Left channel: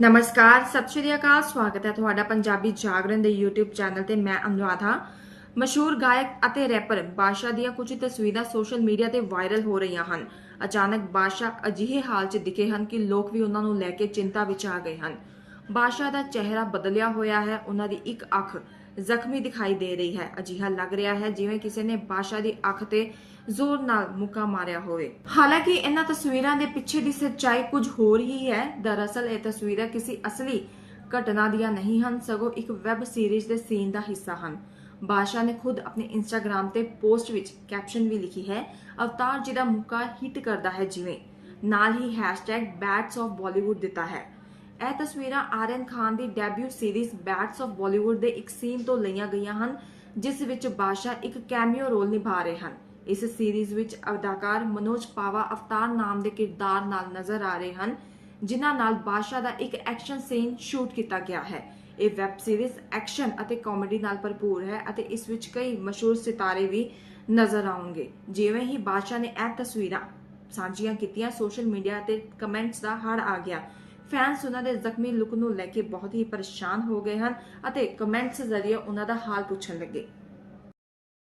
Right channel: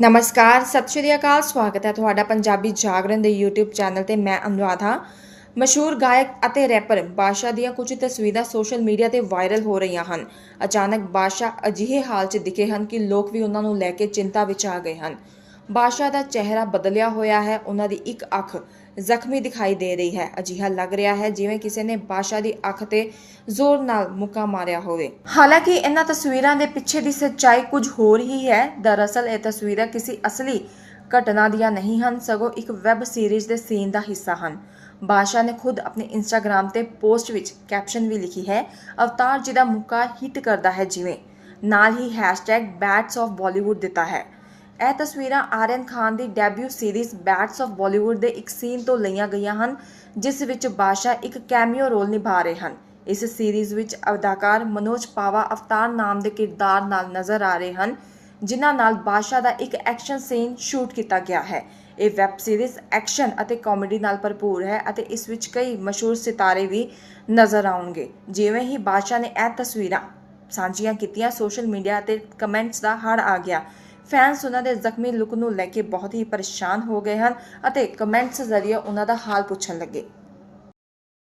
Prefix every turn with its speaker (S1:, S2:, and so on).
S1: ਨਮਸਕਾਰ, ਸਤਿ ਸ਼੍ਰੀ ਅਕਾਲ, ਸਵਾਗਤ ਹੈ ਤੁਹਾਡਾ ਪੰਜਾਬੀ ਜਾਗਰਣ ਦੇ YouTube ਚੈਨਲ ਤੇ ਮੈਂ ਅਨੁਰਾਧ। ਹਾਂ ਮਸ਼ਹੂਰ ਗਾਇਕ ਅਤੇ ਰੈਪਰ ਬਾਸ਼ਾ ਦੀਆਂ ਕੁਝ ਤਸਵੀਰਾਂ ਸੋਸ਼ਲ ਮੀਡੀਆ ਤੇ ਵਾਇਰਲ ਹੋ ਰਹੀਆਂ ਹਨ। ਅਚਾਨਕ ਬਾਸ਼ਾ ਅਜਿਹੇ ਹਾਲ 'ਚ ਦਿਖੇ ਹਨ ਕਿ ਲੋਕ ਵੀ ਉਹਨਾਂ ਨੂੰ ਲੈ ਕੇ ਚਿੰਤਾ ਵਿੱਚ ਆ ਗਏ ਹਨ। ਬਾਦਸ਼ਾਹ ਦਾ ਚਿਹਰਾ ਬਦਲਿਆ ਹੋਇਆ ਹੈ, ਉਹਨਾਂ ਦੀ ਇੱਕ ਅੱਖ ਜ਼ਖਮੀ ਦਿਖਾਈ ਦੇ ਰਹੀ ਹੈ। ਅਜਿਹਾ ਲੱਗ ਰਿਹਾ ਹੈ ਜਿਵੇਂ ਕਿਸੇ ਨੇ ਬਾਦਸ਼ਾਹ ਦੀ ਅੱਖ ਤੇ ਜ਼ੋਰ ਨਾਲ ਮੁੱਕਾ ਮਾਰਿਆ ਹੋਵੇ। ਹਾਲਾਂਕਿ ਇਹਨਾਂ ਤਸਵੀਰਾਂ ਦੇ ਪਿੱਛੇ ਦੀ ਸੱਚਾਈ ਕੁਝ ਹੋਰ ਹੀ ਹੈ। ਦਰਅਸਲ ਇਹ ਤਸਵੀਰਾਂ ਕਿਸੇ ਅਸਲੀ ਘਟਨਾ ਦੀਆਂ ਨਹੀਂ ਹਨ, ਸਗੋਂ ਇੱਕ ਵੈਬ ਸੀਰੀਜ਼ ਦੇ ਸੀਨ ਦਾ ਹਿੱਸਾ ਹਨ। ਬਾਦਸ਼ਾਹ ਨੇ ਖੁਦ ਆਪਣੇ ਇੰਸਟਾਗ੍ਰam ਤੇ ਪੋਸਟ ਵਿੱਚ ਕੈਪਸ਼ਨ ਵੀ ਲਿਖੀ ਹੈ, ਅਵਤਾਰ ਜੀ ਦਾ ਮੁੱਕਾ ਹਿੱਟ ਕਰਦਾ ਹੈ, ਜਿਵੇਂ ਨਾਲ ਹੀ ਹੈਸ਼ਟੈਗ ਬੈਟਸ ਆਫ ਬਾਲੀਵੁੱਡ ਦਿੱਤਾ ਹੈ। ਇਹ ਤਸਵੀਰਾਂ ਆਰੀਅਨ ਖਾਨ ਦੀ debut series bats of Bollywood ਦੇ ਇੱਕ ਸੀਨ ਤੋਂ ਲਈਆਂ ਗਈਆਂ ਹਨ, ਜਿਸ ਵਿੱਚ ਬਾਸ਼ਾ ਇੱਕ ਕੈਮੀਓ ਰੋਲ ਨਿਭਾ ਰਹੇ ਹਨ। ਇਸ ਸੀਰੀਜ਼ ਵਿੱਚ ਅਦਾਕਾਰ ਮਨੋਜ ਪਾਵਾ ਅਵਤਾਰ ਨਾਮ ਦੇ ਕਿਰਦਾਰ ਨਾਲ ਨਜ਼ਰ ਆ ਰਹੇ ਹਨ, ਜਿਨ੍ਹਾਂ ਨਾਲ ਬਾਸ਼ਾ ਦਾ ਇੱਕ ਐਕਸ਼ਨ ਸੀਨ ਸ਼ੂਟ ਕੀਤਾ ਗਿਆ ਹੈ। ਇਹ ਵੈਬ ਸੀਰੀਜ਼ ਐਕਸ਼ਨ ਅਤੇ ਕਾਮੇਡੀ ਨਾਲ ਭਰਪੂਰ ਹੈ ਅਤੇ ਇਸ ਵਿੱਚ ਕਈ ਮਸ਼ਹੂਰ ਸਿਤਾਰੇ ਵੀ ਨਜ਼ਰ ਆਉਣਗੇ। ਜਿਵੇਂ ਹੀ ਬਾਸ਼ਾ ਨੇ ਇਹ ਤਸਵੀਰਾਂ ਸਾਂਝੀਆਂ ਕੀਤੀਆਂ, ਸੋਸ਼ਲ ਮੀਡੀਆ ਤੇ ਕਮੈਂਟਸ ਦਾ ਹੜ ਆ ਗਿਆ। ਫੈਨਸ ਉਹਨਾਂ ਦੇ ਜ਼ਖਮੀ ਲੁੱਕ ਨੂੰ ਲੈ ਕੇ ਬਹੁਤ ਹੀ ਪਰੇਸ਼ਾਨ ਹੋ ਗਏ ਹਨ ਅਤੇ ਕਮੈਂਟਸ ਜ਼ਰੀਏ ਉਹਨਾਂ ਦਾ ਹਾਲ ਪੁੱਛਣ ਲੱਗੇ।